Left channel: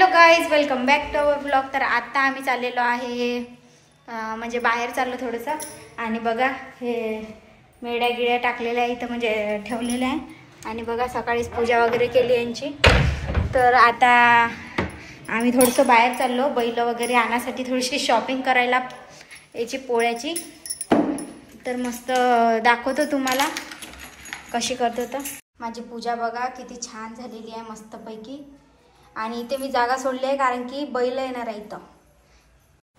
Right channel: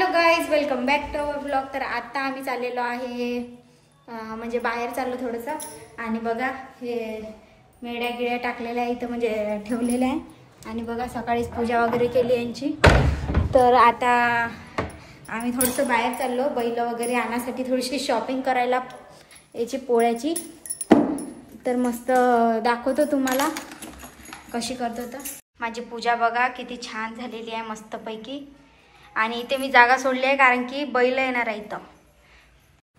Hello guys, welcome back to our blog. तर आता आम्ही चाललेलो आहे म्हणजे बाहेर चाललो थोडंसं. आणि बघा हे मेड्या गिड्या टाकलेल्या आहे इथं, म्हणजे ठेवलेल्या आहे. आणि बघा सकाळीच पूजा वगैरे केली यांची. तर आता आम्ही थोडंसं बाहेर चाललो बैल वगैरे आणण्यासाठी, थोडीशी शॉपिंग करायला याची पोळ्याची. तर मस्त दाखवतो तुम्हाला कशी करतो. तर माझी पूजा बघा किती छान झालेली आहे मस्तपैकी. आणि इथे मी जागा सोडली आहे कारण की बैल येणार आहे इथं.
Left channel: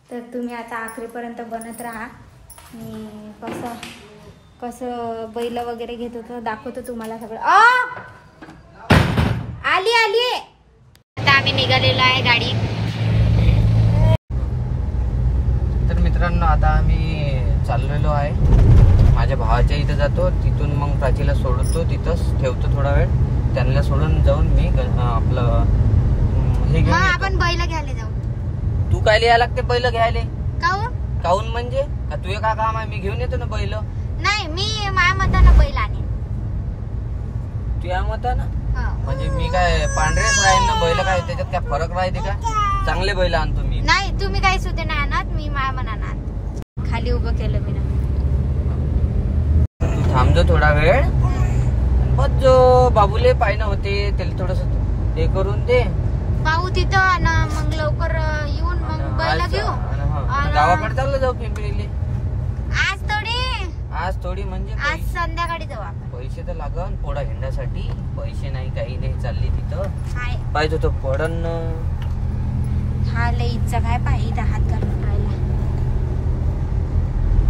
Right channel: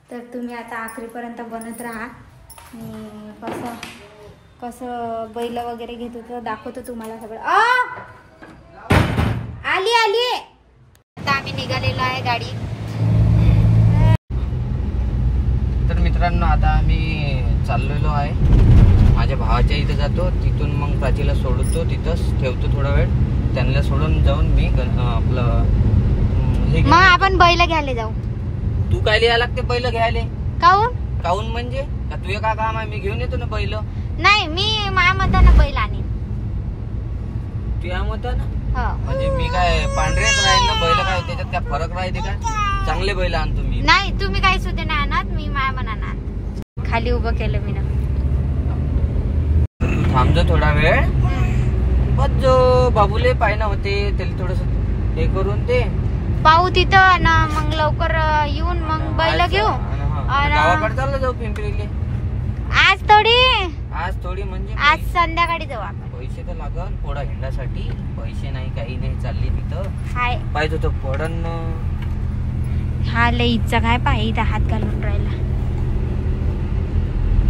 तर तुम्ही आता आखरीपर्यंत बनत राहा. मी कसं कसं बैल वगैरे घेत होतं दाखवतो तुम्हाला सगळं. आली आली. आता आम्ही निघालेलो आहे गाडी. तर मित्रांनो आता आम्ही चाललेलो आहे. माझ्या भावाच्या इथं जातो, तिथून मग प्राचीला सोडतो, तिथंच ठेवतो थोडा वेळ. त्यांना सोडून जाऊन मी आपलं हे मग आपण बैल घ्यायला जाऊ. तू काय लिहायला लागते बैल घ्यायला? काऊन काऊन म्हणजे तुझे काय काम आहे? मी घेऊन येतो ना बैल. नाही, मी माझ्या मतानं बैल आणीन. तुझ्या मतानं? म्हणजे मी काय पांढरेच राहील ना बैल? काय त्याच्यात काय फरक राहते का? चांगले बैल आणतो मी. नाही, तुम्ही काही सुद्धा नाही आणत, मी माझ्या मनानं खाली उभं केलं मी ना. तू थांबतो थोडा वेळ. पण जो बाबूले पाहिजे होते त्याला थोडस हे करून दे. पाहू तिथं ना, मग लवकर येऊन मग बैल घेऊ. गावाकडे चाललो जाऊ पिंपरीले. आज थोडी म्हणजे आज संध्याकाळी जाऊ आपण. पैसे तर लागन पोळा हिंडासाठी. पैसे नाही काही नाही. चालली तिथं पाहिजे होतं पडन. हा लय इच्छा काय पाहिजे इथं हात घालून राहिला.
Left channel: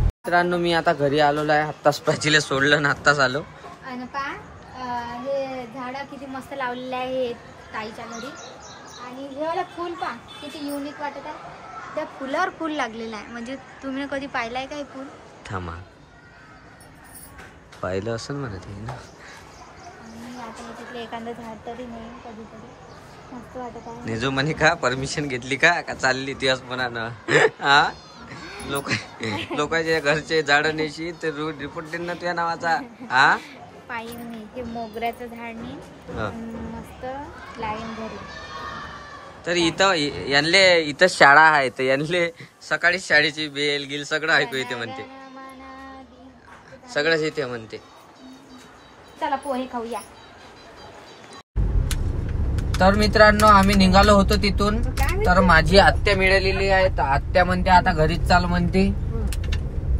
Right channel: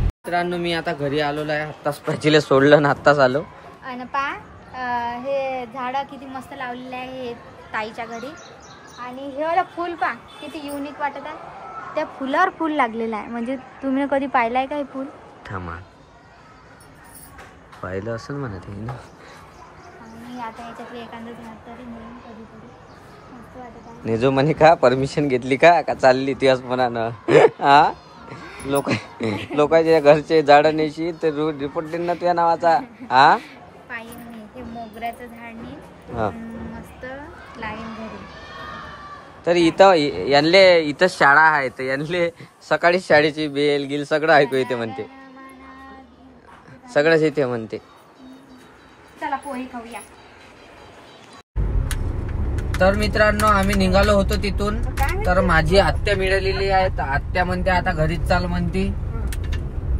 मित्रांनो मी आता घरी आलेलो आहे. आत्ताच प्राचीला सोडलं ना आत्ताच आलो. आणि हे झाड किती मस्त लावलेले आहे ताईच्या घरी. आणि हे वाला फुल पा किती युनिक वाटत आहे. त्या फुलावर फुल लागलेलं आहे. म्हणजे तुम्ही कधी पाहिलंय का हे फुल? थांबा, पाहिलं असं म्हणत आहे ना. आता याच्यातलं एखादं झाड तरी नाही कधीतरी मस्त वाटत आहे. नेजो म्हणे का परमिशन घेतली का चालली ती असं म्हणा ना. हा लोकांच्या घरचे झाड नेशी ते रोड रिपोर्ट देईन ना त्या नावाचा. हा पाहिजे नाही ते मोगऱ्याचं झाड नाही मस्त लाईन घरी. तर इथं यांले इथं शाळा आहे तर यांले सकाळी शाळेची बेल गिल सगळं ऐकू येते म्हणते. सगळंच इथे म्हणते. चला पोहे खाऊया. तर मित्रांनो आम्ही निघालो होतो तिथून. तर माझी आत्या मिळालेली आहे. तर आत्या म्हणते आता घरीच चाल म्हणते.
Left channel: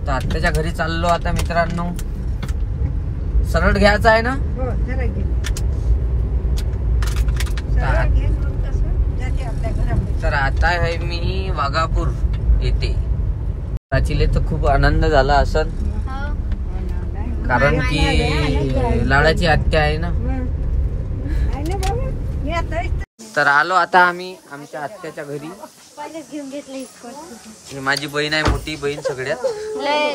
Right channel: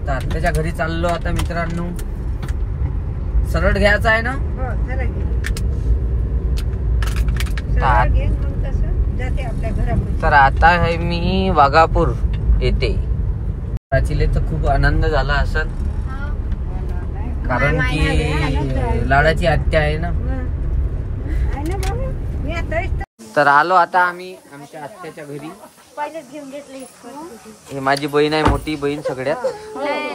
तर आत्याच्या घरी चाललो आता मित्रांनो. सरळ घ्यायचं आहे ना. तर आता आहे मी वाघापूर येते. प्राचीले तर खूप आनंद झाला असं कारण की लाडाची आत्या आहे ना. तर आलो आता आम्ही आमच्या आत्याच्या घरी. माझी बहीण आहे, मोठी बहीण सगळ्यात.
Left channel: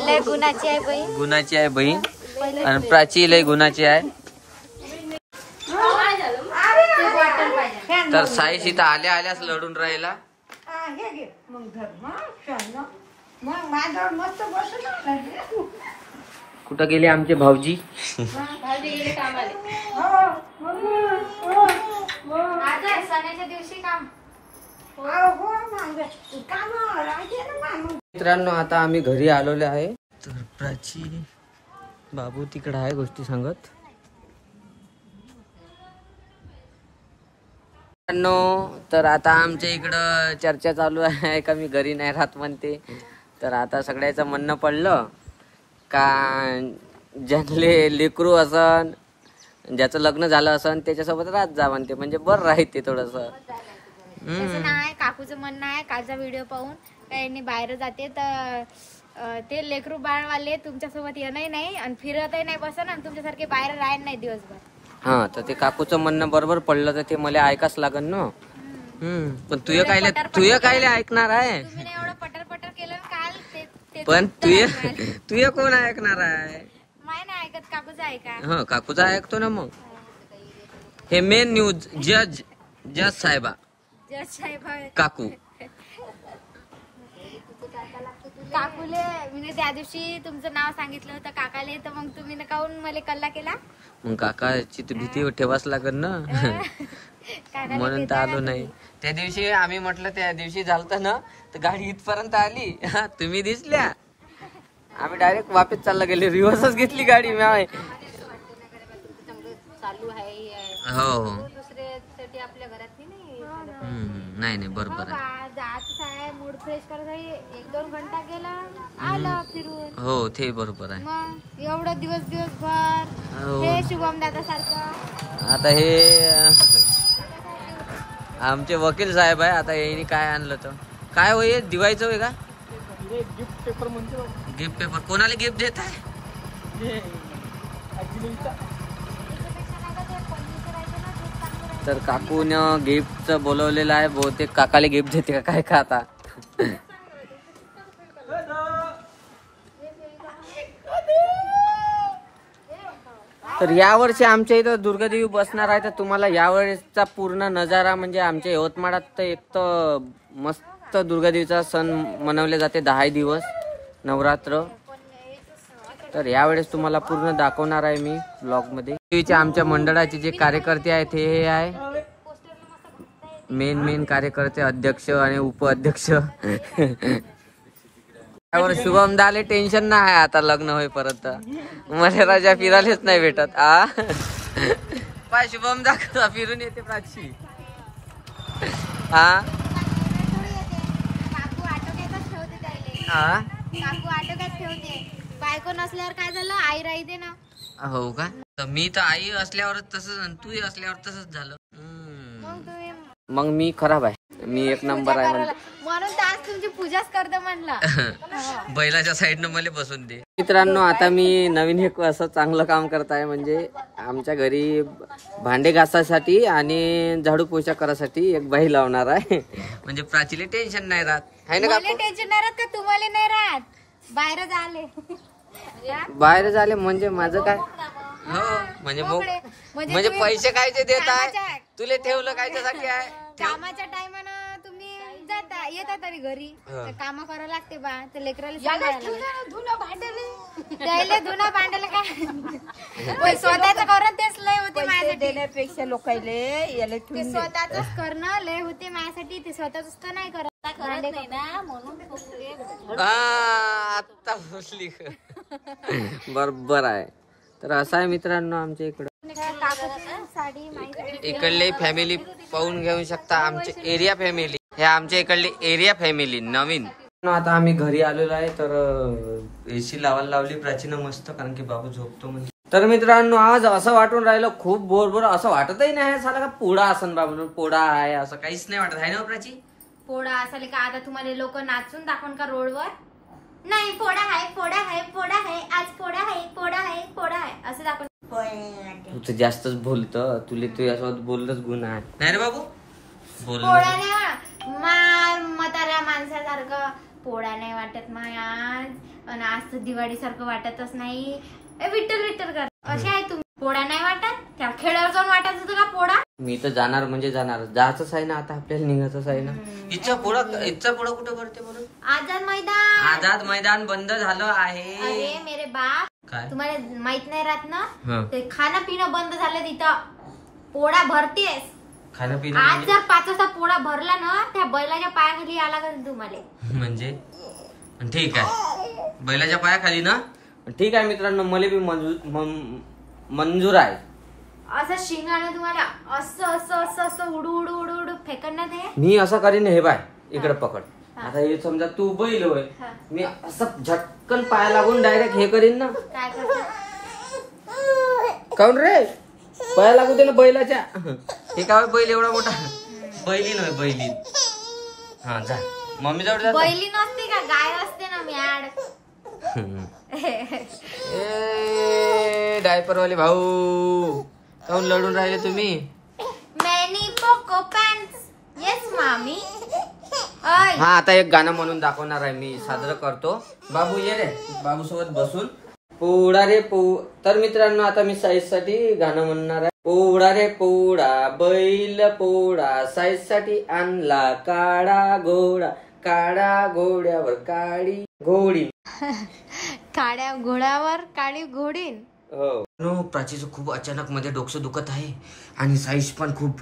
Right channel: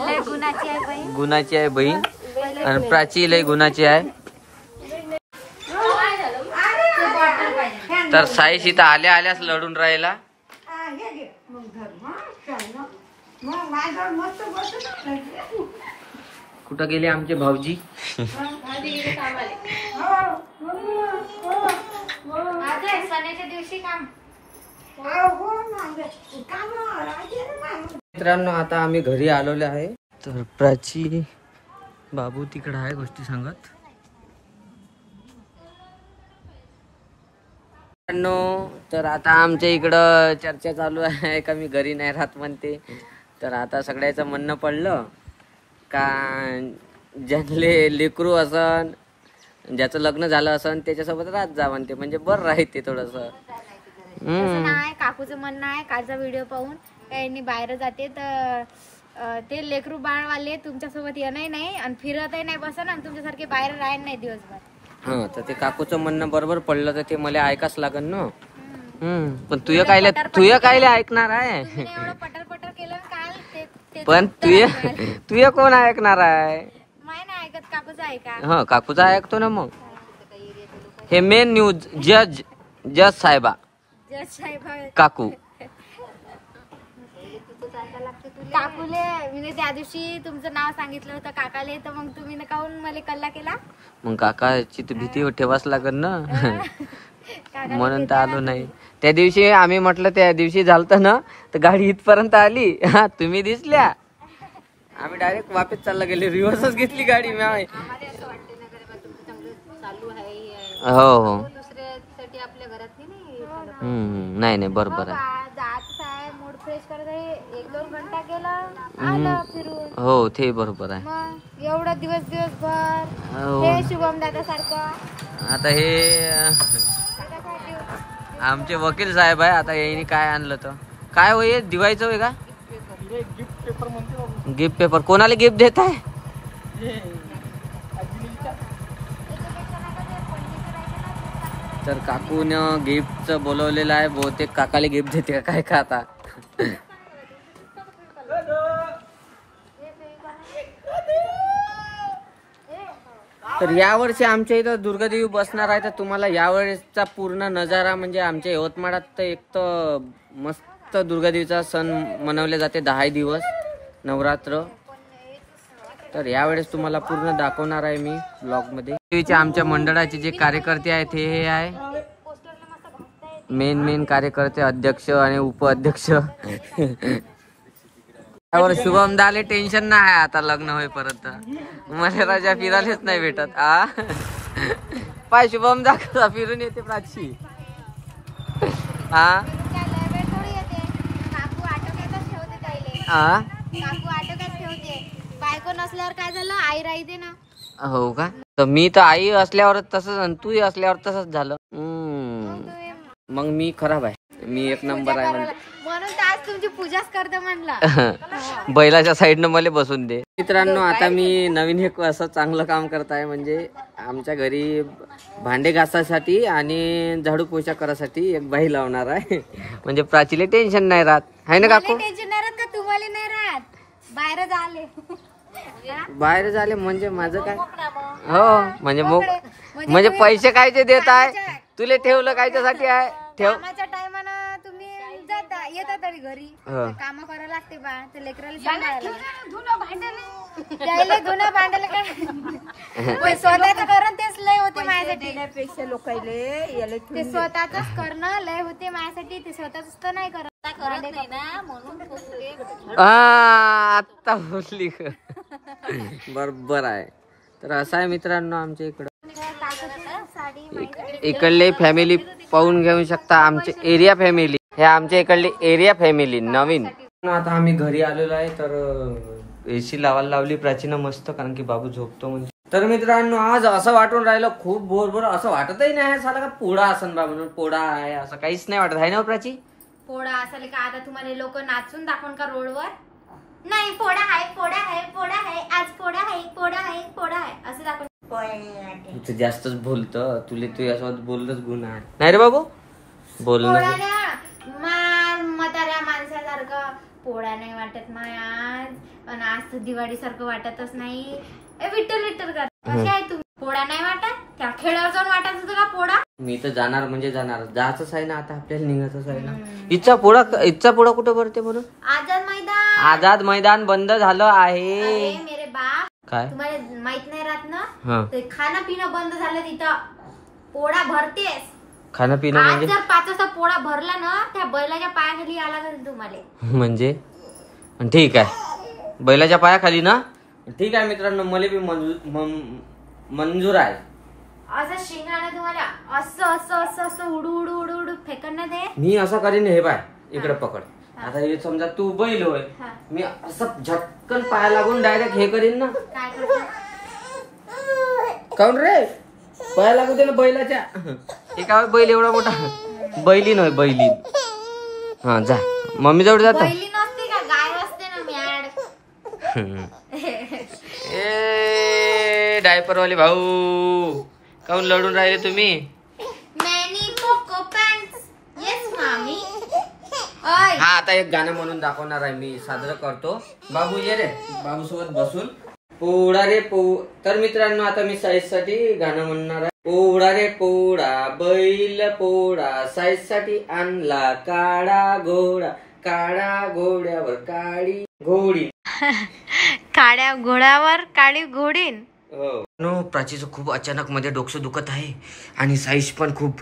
लय गुणाची आहे बहीण. गुणाची आहे बहीण. आणि प्राची लय गुणाची आहे. तर साईश इथं आल्या आल्यास लढून राहिला. कुठं गेले आमचे भाऊजी? मित्रांनो आता आम्ही घरी आलेलो आहे. तर प्राची बाबू तिकडे आहे गोष्टी सांगत. तर आता आमच्या इकडं चर्चा चालू आहे का मी घरी नाही राहत म्हणते. तर आता सगळ्याचं म्हणणं पडलं का ज्याले लेकरू असन ज्याचं लग्न झालं असन त्याच्यासोबत राहत जा म्हणते. म्हणजे बरं राहते थोडस. काकूचं म्हणणं आहे. कालचा व्हिडिओ पाहून त्यांनी बाहेर जाते तर ते लेकरू बाळवाले तुमच्यासोबत येणंही नाही आणि फिरतही नाही बसन आणि तुमच्यासारखे बाहेर राहायला नाही दिवसभर. हा तर ते काकूचं म्हणणं बरोबर पडलं तर ते मला ऐकाच लागन ना. पण तुझं कायले ऐकणार आहे. पटर पटर केलं काल. पण तुझं कोण ऐकणार आहे? नाही ऐकत. काकूचं ऐका. हा काकूचा ऐकतो ना. मग हे मेन न्यूज जज साहेबा काकू. काकूले मी त्या दिवशी तुमचं नाव सांगितलं होतं काकाले, तर मग तुम्ही काहून मला कल्ला केला? मग काकाची तर भीती ठेवाच लागत ना. म्हणून तर आलो नाही. त्या दिवशी आम्ही म्हटलं त्या दिवशी झालतं ना, तर गाडी इथपर्यंत आली. हा तुम्ही दिसल्या, आम्ही डायरेक्ट वापस चालला गेले, रिव्हर्सच घेतली गाडी. चालू आहे हो हो दुसऱ्यासाठी आपल्या घरात नाही नाही बरोबर आहे. जायचं आहे, मूड फ्रेश करत आहे, 1-2 घंटा गेला आलं फिरून. हो ते बरोबर आहे. मग एवढं दिवसभर हो. हे शुभम दादा सारखं. आता हे आमचे वकील साहेब आहे. आता यांनी काय आणलं तर काय होय, दिवाळीचं होय का? गिफ्ट पेपर म्हणते. गिफ्ट पेपर कोणाला गिफ्ट देत आहे? तर काकून गिफ्टचं बोलवलेलं आहे. बहुतेक काकाला गिफ्ट देते का काय का आता. तर यावर्षी आमच्या इथं दुर्गादेवी बसणार आहे. तर तुम्हाला यावेळेसचा पूर्ण नजारा म्हणजे आमच्या यवतमाळात तर एक तर मस्त दुर्गादेवीचा सण मनवले जाते 10 दिवस नवरात्र. तर यावेळेस तुम्हाला पूर्ण दाखवणार आहे मी ब्लॉग मध्ये. देवीचे आमच्या मंडळाचे जे कार्यकर्ते आहेत हे आहे मेन कार्यकर्ते, अध्यक्ष आणि उपाध्यक्ष. त्यावर शुभम दाले टेन्शन नाही आहे आता लग्न होईपर्यंत. मला राजा फिरायलाच नाही भेटत. पाय शुभम दा फिरून येते प्राची. बायको नसल्यावर काय झालं, आई राहते ना. हो का? तर मी तर आई असल्यावर तसंच, तू असल्यावर तसंच झालं. मग मी खराब आहे, मी एक नंबर आहे म्हणजे. म्हणून तर आज तुमची पूजाच करतो म्हणला. बैलाच्या साईडनं मला बसून दे. मित्रांनो आता मी नवीन एक असं चांगलं काम करत आहे. म्हणजे आमच्या घरी भांडे घासासाठी आणि झाडू पोछा करायसाठी एक बाई लावणार आहे. म्हणजे प्राचीले टेन्शन नाही राहत आहे ना काकू? टेन्शन नाही राहत का तुम्हाला? नाही राहत, बाहेर झाले. बाहेर झाले म्हणजे माझं काय? हो म्हणजे पैसे कायचे देत आहे तुला? ठेवलं कायच्यासाठी आहे? कामाच्या टायमानं तुम्ही जाता येता तरी घरी काम करायला लागते बा. ते लेकराला सांभाळायला धुणं भांडायला काय स्वतःच करणं तेच लय होते माझ्यासाठी. लोकायले स्वतःच करणं लय होते माझ्यासाठी. ते स्वतःच तर नाही करत ना, म्हणून आता बोलली बरोबर आहे. तर असं आहे मित्रांनो आमच्या इकडं. इकडले फॅमिली पाहून घेऊ शकता, आमचे एरिया फॅमिली. हे आमच्या इकडली एरिया फॅमिली नवीन. आता आम्ही घरी आलेलो आहे. तर एसी लावायला लावली प्राचीन मस्त, कारण की बाबू झोपतो म्हणजे. तर मित्रांनो आज असं वाटून राहिलं खूप बोर असं वाटतही नाही साला का पोळा असन बा म्हणून. पोळा आहे असं काहीच नाही वाटत आहे ना प्राची? पोळा असेल का? आता तुम्हाला लोक नाचून दाखवून का रोडवर? नाही पोळा आहे, पोळा आहे, पोळा आहे, आज पोळा आहे, पोळा आहे, पोळा आहे असं दाखवून. तू जास्तच बोलतं, तुला तू यासोबत बोललंच गुण आहे नाही रे बाबू? बोल म्हाताऱ्या माणसासारखं पोळा नाही वाटत माय आज. आणि आज तर दिवाळी सारखं वाटतच नाही. विठ्ठल विठ्ठल कर असे आहे तुम्ही. पोळा नाही वाटत? त्या खेळावर जाऊन वाटत होतं का पोळा? मी तर जाणार म्हणजे जाणार. जायचंच आहे ना आता, आपल्याला निघायचंच आहे ना. इथचा पोळा कुठं भरते म्हणून? आझाद मैदान बंद झालं आहे. अरे मेरे बाप, काय तुम्हाला माहित नाही राहत ना? ते खाणं पिणं बंद झालं तिथं. पोळा भरतेस. खाणं पिणं आज म्हणजे? जर 5 वाजता पोळा भरला ना, त्या बैलाच्या पायाखाली आला का तुम्हाला? म्हणजे ठीक आहे, बैलाच्या पायाखाली ना. ठीक आहे मित्रांनो, मला बी मंजूर आहे. असं शिंगाने तुम्हाला असं असं असं असं उडू उडू उडू उडू फेकण्यात हे. मी असं करीन. हे बाय इकडे पकड. आता हे समजा तू बैल होय, मी असं झटकन पाया लागून डायरेक्ट हे करीन ना. काय करतो? काऊन रे? पाया लागू दे ना बैलाच्या. हे काय बैल एवढा मोठा? बैलीन होय, बैलीन. हा जा मम्मी जवळ जा. बैली नसते का, गाय असते ना मॅड. ए डायपरवाले भाऊ, काऊन लढून राहिले तुम्ही? Many cocoa pants. येस मामी. हा आता एक गाणं म्हणून दाखवणार आहे मी, साजरं करतो. बाबू ये रे, बाबू सोबत बसून. पोळा रे तर मित्रांनो आता मी साईज साठी गाणं म्हणणार आहे. पोळा रे पोळा बैल पोळा, साईज साठी आणला काळा घोडा, काळा घोड्यावर काळी घोडी. काळ्या घोड्यावर काळी घोडीन. हो. प्राचीचं खूप अचानक मध्ये डोकं दुखत आहे आणि साईश पण खूप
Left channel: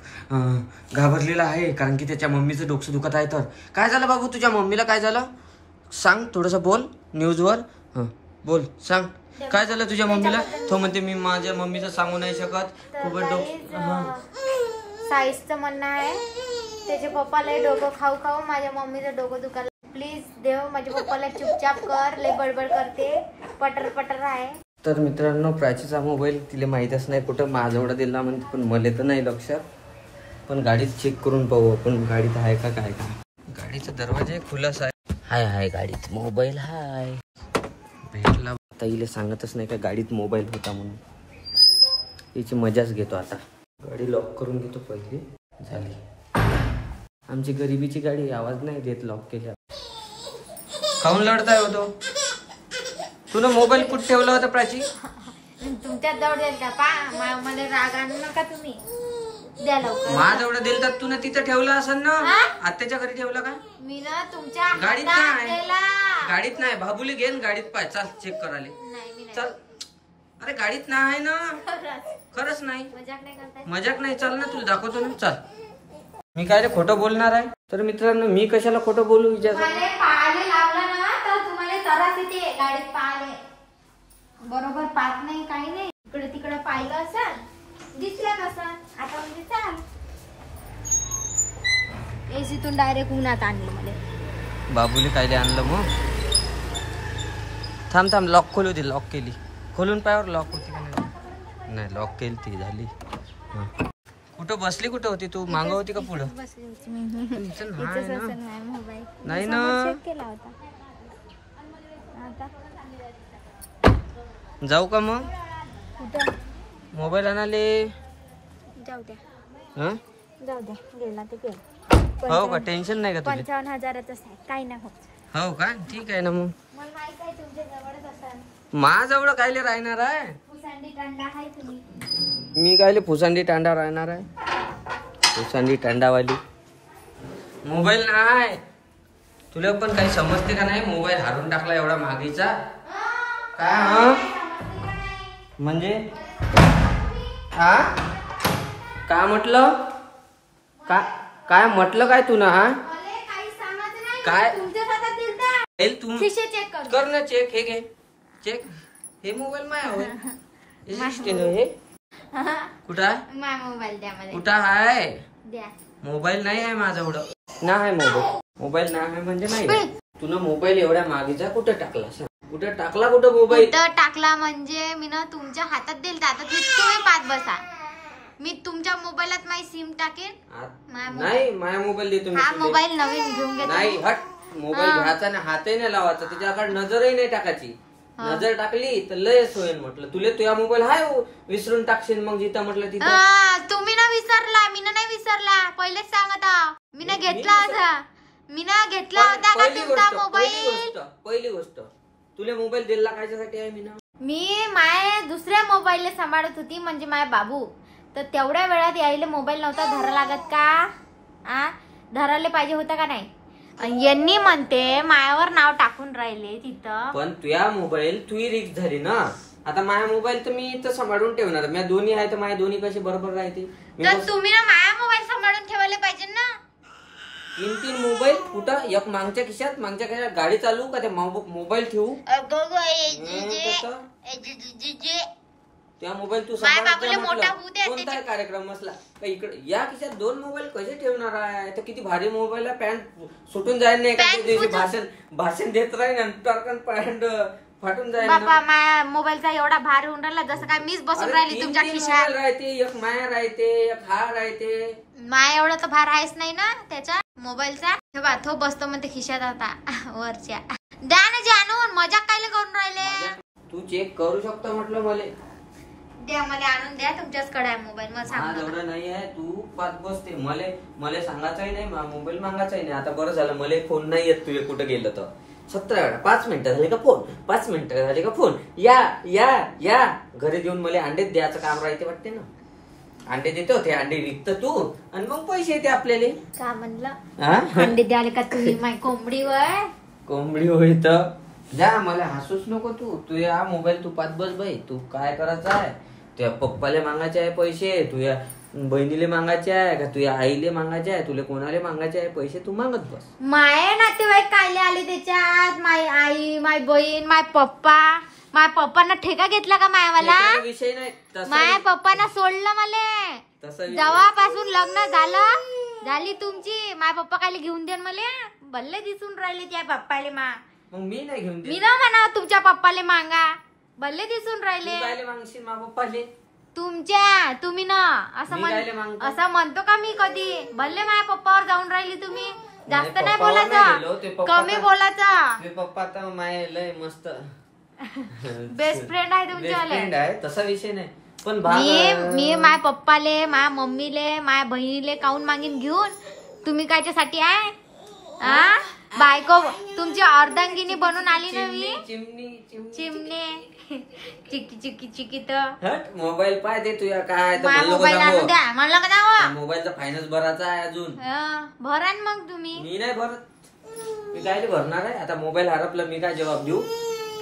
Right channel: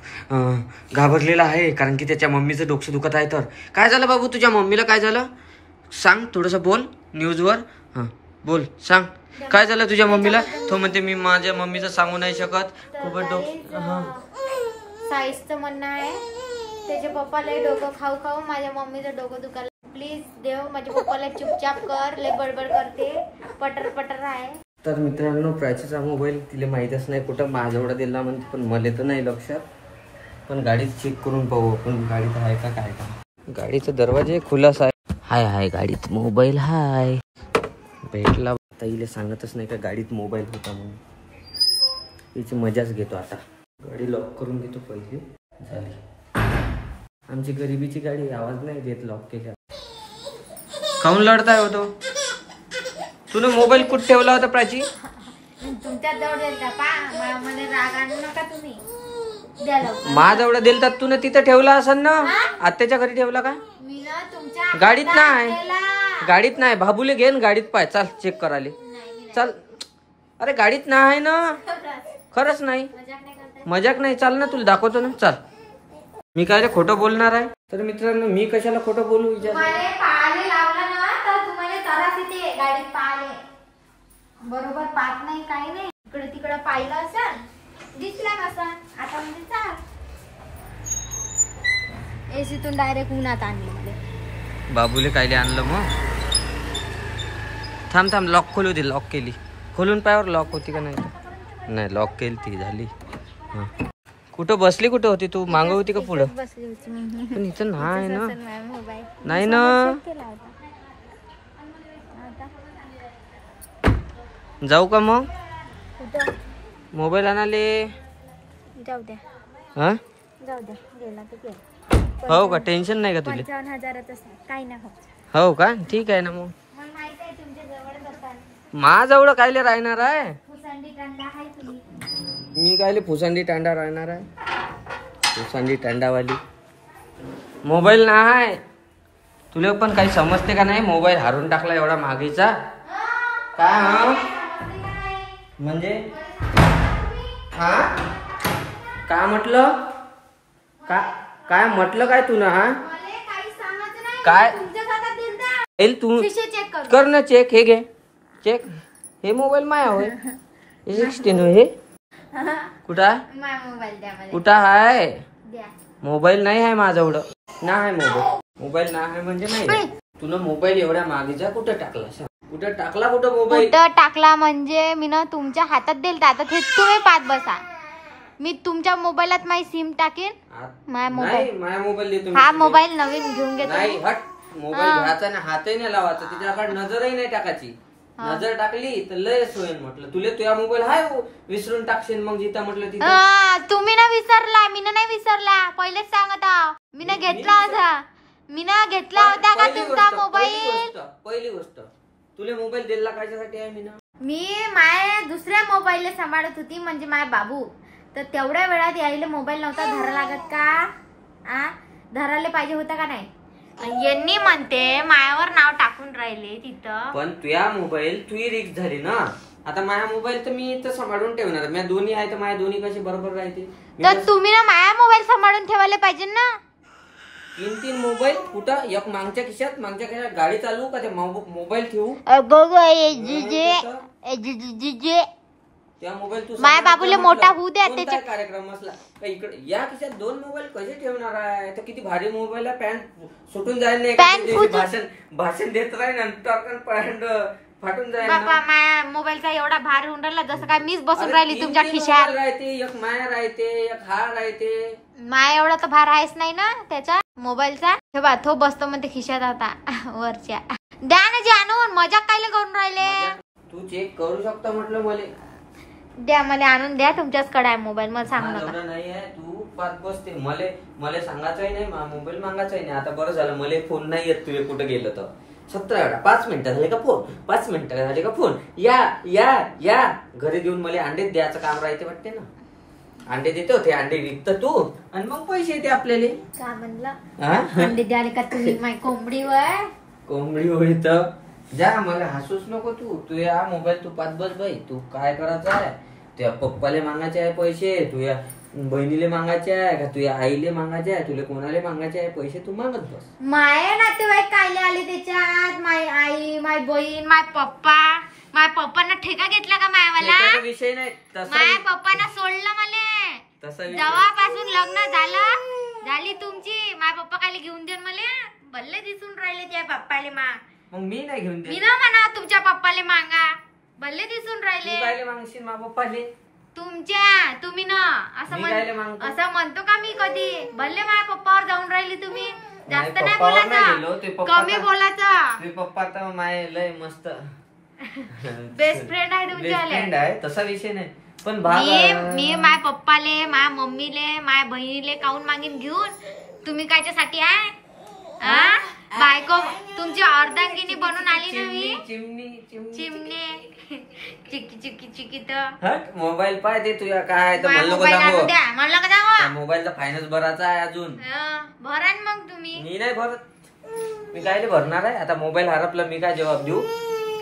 घाबरलेला आहे कारण की त्याच्या मम्मीचं डोकं दुखत आहे. तर काय झालं बाबू, तुझ्या मम्मीला काय झालं सांग, थोडस बोल न्यूजवर. बोल, सांग काय झालं तुझ्या मम्मीला. तो म्हणते मी माझ्या मम्मीचं सांगू नाही शकत, खूप साईजचं म्हणणं आहे त्याच्या पप्पाला डोकं खाऊ खाऊ माझ्या मम्मीचं डोकं दुखायला. प्लीज देव माझ्या पप्पाला चुपचाप कर, लय बडबड करते, पटर पटर आहे. तर मित्रांनो, प्राचीचा मोबाईल तिला माहीतच नाही कुठं माझ्याजवळ दिला म्हणते, पण मला तर नाही लक्षात. पण गाडीत चेक करून पाहू आपण गाडीत आहे का काय का. गाडीचा दरवाजा खुलाच आहे. हाय गाडीत मोबाईल हाय. भेटला ताईला सांगतच नाही का गाडीत मोबाईल होता म्हणून. याची मजाच घेतो आता. गाडी लॉक करून घेतो पहिले. झाली आमची गरिबीची गाडी, आवाज नाही देत लॉक केल्या. काऊन लढताय होतो तुला. मोबाईल कुठे ठेवला होता प्राची. तुमच्या जवळ देईल का पा, मला राग आणू नका तुम्ही. द्या लवकर. माझ्याजवळ दिलता तुला, तिथं ठेवला असेल ना. आत्याच्या घरी ठेवला का. मी ना तुमच्या गाडीत नाही, गाडीत नाही. बाबूले घेन गाडीत पाय. चाल चेक करायला चल. अरे गाडीत नाही ना, खरंच नाही, मजाक नाही. चाल ना, तुला दाखवतो ना. चाल, मी काय खोटं बोलणार आहे. तर मित्रांनो, मी कशाला खोटं बोलू. पाहाले लागला ना तर तुम्हाला त्रास येते. गाडीत पाहाले बरोबर पाहत नाही, काही नाही. इकडे तिकडे पाहिलं असं दिसला कसा. आता म्हणजे चाल. एसीतून डायरेक्ट उन्हात आणलं मला. बाबूले कायले आणलं मग. थांब लॉक खोलू दे. लॉक केली, खोलून पायावर लॉक होती का नाही. नाही लॉक केली ती, झाली. कुठं बसली, कुठं होती तू. मागं होती का पुढं. पण इथं नाही ना. नाही ना. जाऊ का मग. मोबाईल आणाले. जाऊ द्या. हा जाऊ द्या, गेला तर गेला. हो का, टेन्शन नाही का तुला. 55,000च काही नाही होत. हो का, ठीक आहे ना. मग माझ्याजवळ कायले राहणार आहे. मी कायले फुसांडी टांडा राहणार आहे. फुसांडी टांडावाली मोबाईल नाही. तुला पण काही समजते का नाही. मोबाईल हारून टाकला एवढा मागेचा. काय म्हणजे हा काय म्हटलं. काय म्हटलं काय तू ना. हा काय तू कर ना चेक. हे घे चेक. हे मोबाईल माया होय. हे कुठं कुठं आहे. मोबाईल नाही आहे माझ्याजवळ. नाही मोबाईल नाही आहे म्हणजे नाही. तुला मोबाईल एवढ्या मागेचा कुठं टाकला. कुठं टाकला. कुठं मोबाईल कुठं टाकला म्हणजे मी ना तुमच्या हातात दिल. आता ते तुम्ही पाहत बसा. मी तुमच्या मोबाईलात माझी सिम टाकेन. नाही माझ्या मोबाईल देतो. हा मोबाईल नवीन घेऊन घेतो. नाही हट. मोबाईल घ्यायचा ना, हातही नाही लावायचा. तिच्याकडे नजरही नाही टाकायची. नजर टाकली तर लयच होईल. म्हटलं तुला तुझा मोबाईल हाय विसरून टाकशील मग जिथं म्हटलं तिथं. तुम्ही ना विसरला, मी नाही विसरला. पहिलेच सांगता मी ना घेतला होता. मी ना घेतला होता का तुमचा मोबाईल. पहिली गोष्ट तुला मोबाईल दिला कायच्यासाठी आहे. मी माया दुसऱ्या मोबाईलला सांभाळत होती म्हणजे माझा बाबू. तर तेवढ्या वेळात यायला मोबाईल नव्हता धरा लागत का. धरायला पाहिजे होता का नाही. यांनी म्हणते मायावर नाव टाकून राहिले तिथं. पण तुझ्या मोबाईल तुझी रिक्स झाली ना. आता माझा मोबाईल तर मी इथं सांभाळून ठेवणार. मी दोन्ही आहे तर माझ्या दोन्ही कसे बरोबर राहते. तर तुम्ही ना माया मोबाईल सांभाळून ठेवायला पाहिजे ना. 3 मोबाईल कुठं. एक मागच्या खिशात गाडी चालू का ते मोबाईल ठेवू. त्या मोबाईल तू माझ्या बाबूला मोठा होऊ द्या. त्याचा कार्यक्रम असला का इकडे या खिशात 2 मोबाईल कसे ठेवणार आहे. तर किती भारी मोबाईल आहे. पॅन्ट सुटून जाईल नाही. भाषण देत राहील नंतर पॅन्ट फाटून जाईल. बाबा माया मोबाईलचा एवढा भार होऊन राहिला जसं काय मीच बसून राहिली तुमच्या खिशात. राहते एक माया राहते एक हा राहते. माया एवढा तर भार आहेच नाही ना त्याचा मोबाईलचा. ठेवा तो बसतो म्हणते खिशात आता वरच्या. द्या ना जे आणून. मजाक कायले करून राहिले. तू चेक करू शकतो म्हटलं. मला द्या, मला आणून द्या. तुमच्याचकडे आहे मोबाईल. मला सांग एवढा नाही आहे. तू पाच बसते. मला सांगायचंही नाही. मोबाईल मागायचाही नाही. आता बरं झालं मला फोन नाही येत. तुझे कुठे गेलं तर 17 वेळा 5 मिनिटं झाले का फोन. 5 मिनिटं झाले का फोन. या घरी देऊन मला अंडे द्यायचं काम राहते वाटते ना. अंडे देतो ते अंडे विकत तू आणि मग पैसे येते आपल्याला. का म्हणलं अंडे द्याले का तुम्ही. माय कोंबडी वय कोंबडी होईत जा, मला हसूच नको तू या मोबाईल तू पाच बस बाई. तू काय करायचं आहे? तुझ्या पप्पाले मागायचे आहे पैसे, तुझ्या बहिणीले मागायचे आहे का, तुझ्या आईले मागायचे आहे, तुला कोणाला मागायचे आहे पैसे, तू मागत बस. माय नातेवाईक कायले आले त्याच्यात? माय आई, माय बहीण, माय पप्पा. माय पप्पांना ठेका घेतला का मायावाला? विषय नाही माय पप्पांना सोडलं मला. तसा जेव्हापासून लग्न झाली तुमची, माय पप्पा कायले घेऊन देन मला? भल्ले दिसून राहिले त्या पप्पाले. मग मी नाही घेऊन मी ना म्हणा तुमच्या पप्पाले मागा, भल्ले दिसून राहिले. काय मागशील मा पप्पाले? तुम्ही ना असं म्हणतो का मी कधी? भले माझ्या पप्पावर जाऊन राहिली तुम्ही. जास्त नाही बोलायचं, कमी बोलायचं. ते पप्पा तर माय लय मस्त बेस्ट फ्रेंड आहे तुमच्यावाले. तसा विषय नाही. पण मी माझ्या पप्पाले, माझ्या मम्मीले, माझ्या बहिणीले काऊन मागीन घेऊन? तुम्ही कायच्यासाठी आहे? बायको तुमची अर्धांगिनी बनून आली ना मी. चिमणे चिकी चिकी तर मोबाईल पाय ते तुझ्या काय तर म्हणलं का मोबाईलचा फायनान्स भरायचा आहे अजून. भरा मग तुम्ही. मी नाही भरत. मी काय भरणार आहे आता? मोबाईल हरपला मी काय जबाब देऊ?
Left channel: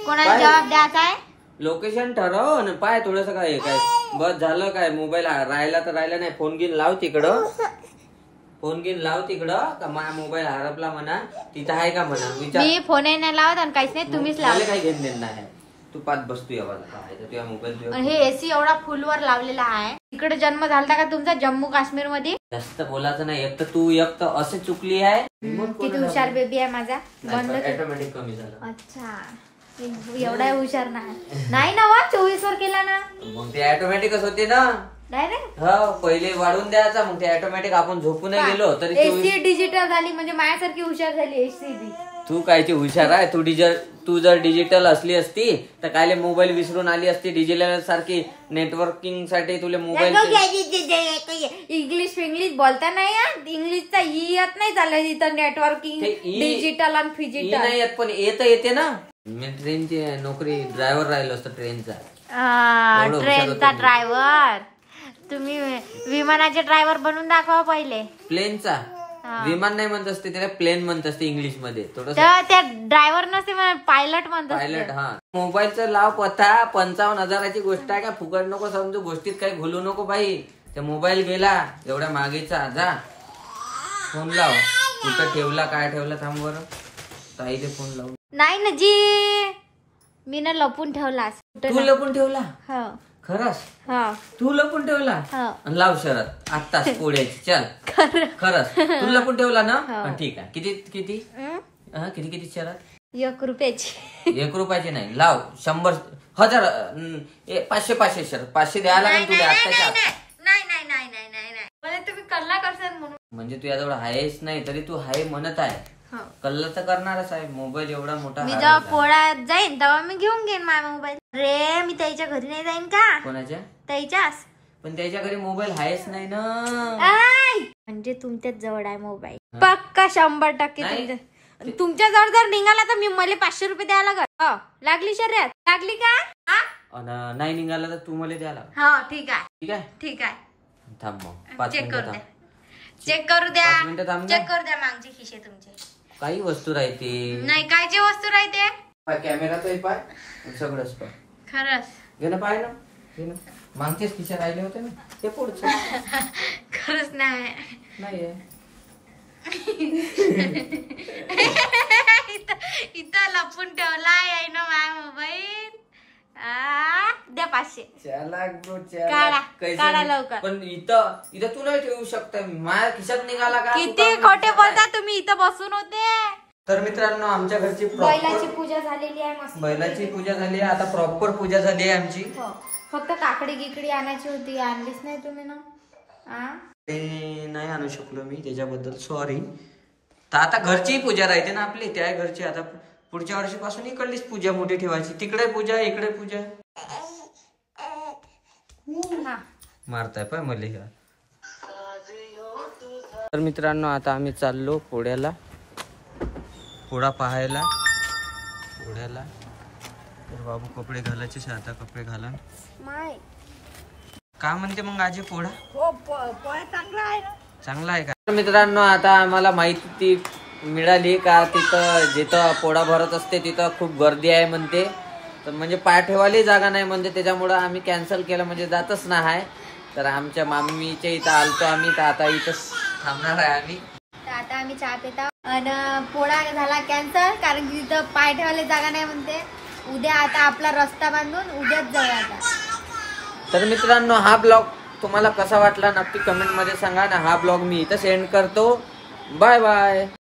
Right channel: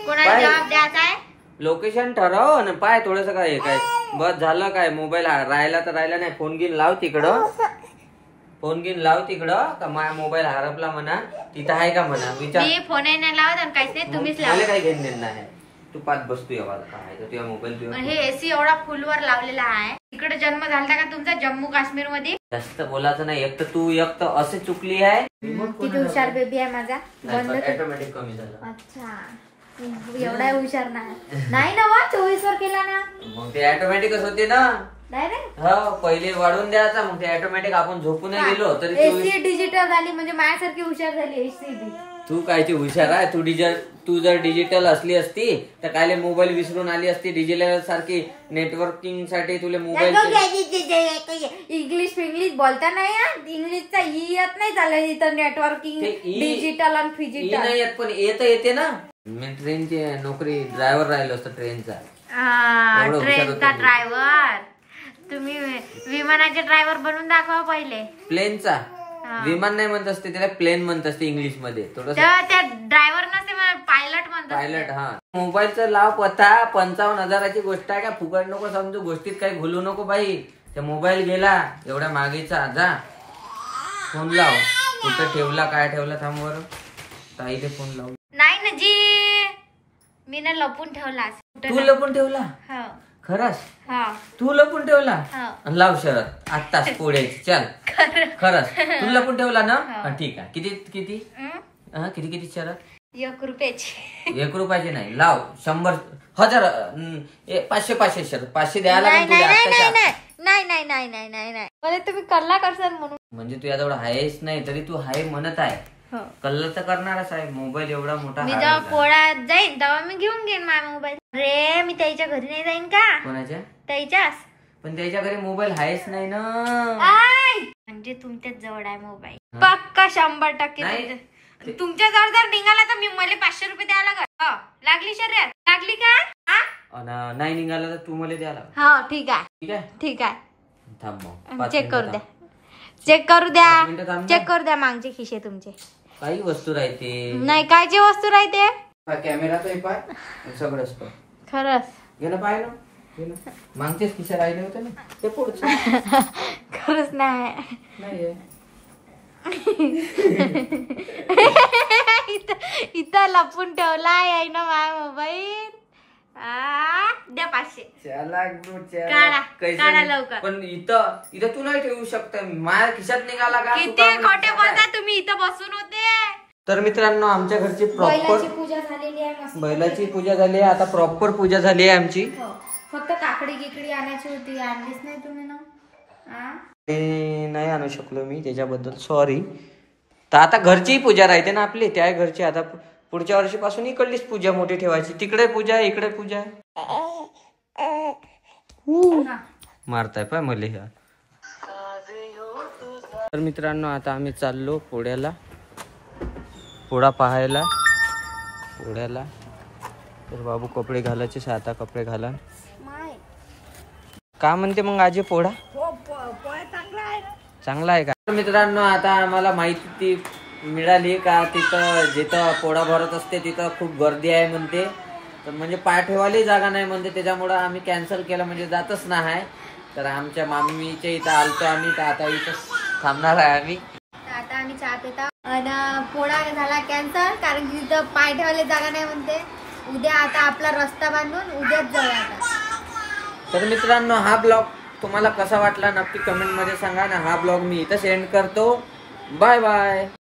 कोणाला जबाब द्यायचा आहे? लोकेशन ठरव ना पाय थोडस. काय काय बस झालं काय? मोबाईल राहिला तर राहिला नाही. फोन घेऊन लाव तिकडं का माझा मोबाईल हरपला म्हणा, तिथं आहे का म्हणा विचार. मी फोन नाही लावत आणि काहीच नाही, तुम्हीच लावले. काही घेऊन देणार आहे. तू पाच बसतो तुझ्या मोबाईल. हे एसी एवढा फुलवर लावलेला आहे. इकडे जन्म झाला का तुमचा जम्मू काश्मीर मध्ये? जास्त बोलायचं नाही. एक तर तू एक तर असे चुकली आहे. किती हुशार बेबी आहे माझा. बंद ऑटोमॅटिक कमी झालं. अच्छा, एवढा हुशार नाही ना. 24 वर केला ना. मग ते ऑटोमॅटिकच होते ना. पहिले वाढवून द्यायचा, मग ते ऑटोमॅटिक आपण झोपून गेलो तरी. एसी डिजिटल झाली म्हणजे माझ्यासारखी हुशार झाली एसी. तू कायची हुशार आहे? तू जर डिजिटल असली असती तर कायले मोबाईल विसरून आली असती. डिजिटल सारखी नेटवर्किंग साठी तुला मोबाईल. इंग्लिश बोलता नाही. इंग्लिशचा येत नाही झालं इथं. नेटवर्किंग डिजिटल आणि फिजिटल नाही येत, पण येते ना. मी ट्रेनची नोकरी ड्रायव्हर राहिलो असतो ट्रेनचा. ट्रेनचा ड्रायव्हर. तुम्ही विमानाचे ड्रायव्हर बनवून दाखवा पहिले. प्लेनचा. विमान नाही म्हणत असते त्याला, प्लेन म्हणत असते इंग्लिश मध्ये. थोडं त्या ड्रायव्हर नसते, पायलट म्हणतात. पायलट. हा, मोबाईलचा लाव पत्ता 55,000ची गोष्ट आहे का? फुकट नको समजू. गोष्टीत काही भूलू नको बाई. त्या मोबाईल गेला एवढ्या मागेचा. जा फोन लाव. कुठं ठेवला काय ठेवला? थांब बरं, ताईले फोन लावून. नाही ना जी, मी ना लपून ठेवला. तू लपून ठेवला? खरंच? तू लपून ठेवला? लाव शरत आत्ताच पोळ्याची. चल खरंच तू लपून ठेवला ना? ठीक आहे. किती किती किती शरत? 1 रुपयाची. 1 रुपयाची नाही, लाव 100 1000 500 शरत. 500 द्यायला लागेल तुला आत्ताच्या. नाही मला तुम्ही कल्ला करसाल म्हणून. म्हणजे तू याजवळ आहेच नाही तरी तू हाय म्हणत आहे. कल्ला तर करणारच आहे. मोबाईल एवढा मोठा. मी जेव्हा पोळ्यात जाईन तेव्हा मी घेऊन घेईन माझा मोबाईल. रे मी त्याच्या घरी नाही जाईन का? कोणाच्या? त्याच्याच. पण त्याच्या घरी मोबाईल आहेच नाही ना. म्हणजे तुमच्याच जवळ आहे मोबाईल पक्का 100%. तुमच्या जवळ जर निघाला तर मी मला 500 रुपये द्यायला लागल. लागली शर्यत? लागली का? नाही निघाला तर तू मला द्यायला. हा ठीक आहे. थांब मग चेक करू द्या. चेक करू द्या मागचे खिशे तुमचे. काही वस्तू राहते नाही. कायची वस्तू राहते? कॅमेरा तो पाय सगळंच पाय. खरंच घे ना, पाय ना. मागचेच खिशे राहिले होते ना ते पुढचे. खरंच नाही. इथं लपून ठेवला आहे ना माझा मोबाईल. द्या 500. काढा लवकर. पण इथं तू नाही ठेवू शकता. माझ्या खिशात निघाला का? किती खोटे बोलता तुम्ही. इथं बसून होते. तर मित्रांनो आमच्या घरची बैलाची पूजा झालेली आहे. बैलाची पूजा झाली आहे. आता प्रॉपर पूजा झाली आहे आमची. फक्त काकडी गिकडी आणायची होती, आणलीच नाही तुम्ही ना. ते नाही आणू शकलो मी, त्याच्याबद्दल सॉरी. तर आता घरची पूजा राहते ना आपली, त्या घरची. आता पुढच्या वर्षीपासून इकडलीच पूजा मोठी ठेवायची. तिकडे पूजा इकडे पूजा. मारताय पाय मले ह्या. तर मित्रांनो आता आम्ही चाललो पोळ्याला, पोळा पाहायला. पोळ्याला तर बाबू कपडे घालायचे. आता कपडे घाला. का म्हणते मग आजी पोळा? चांगला आहे ना. चांगला आहे का? मित्रांनो आता आम्हाला माहिती मिळाली का तिथं जिथं पोळा भरत असते तिथं खूप गर्दी आहे म्हणते, तर म्हणजे पाय ठेवायला जागा नाही म्हणते, त्याच्यामुळं आम्ही कॅन्सल केलं, म्हणजे जातच नाही आहे. तर आमच्या मामीच्या इथं आलतो आम्ही, तर आता इथंच थांबणार आहे आम्ही. तर आता आम्ही चहा पिता आणि पोळा झाला कॅन्सल, कारण की तिथं पाय ठेवायला जागा नाही म्हणते. उद्या आता आपला रस्ता बांधून उद्याच जाऊया आता. तर मित्रांनो, हा ब्लॉग तुम्हाला कसा वाटला नक्की कमेंट मध्ये सांगा ना. हा ब्लॉग मी इथं सेंड करतो. Bye bye.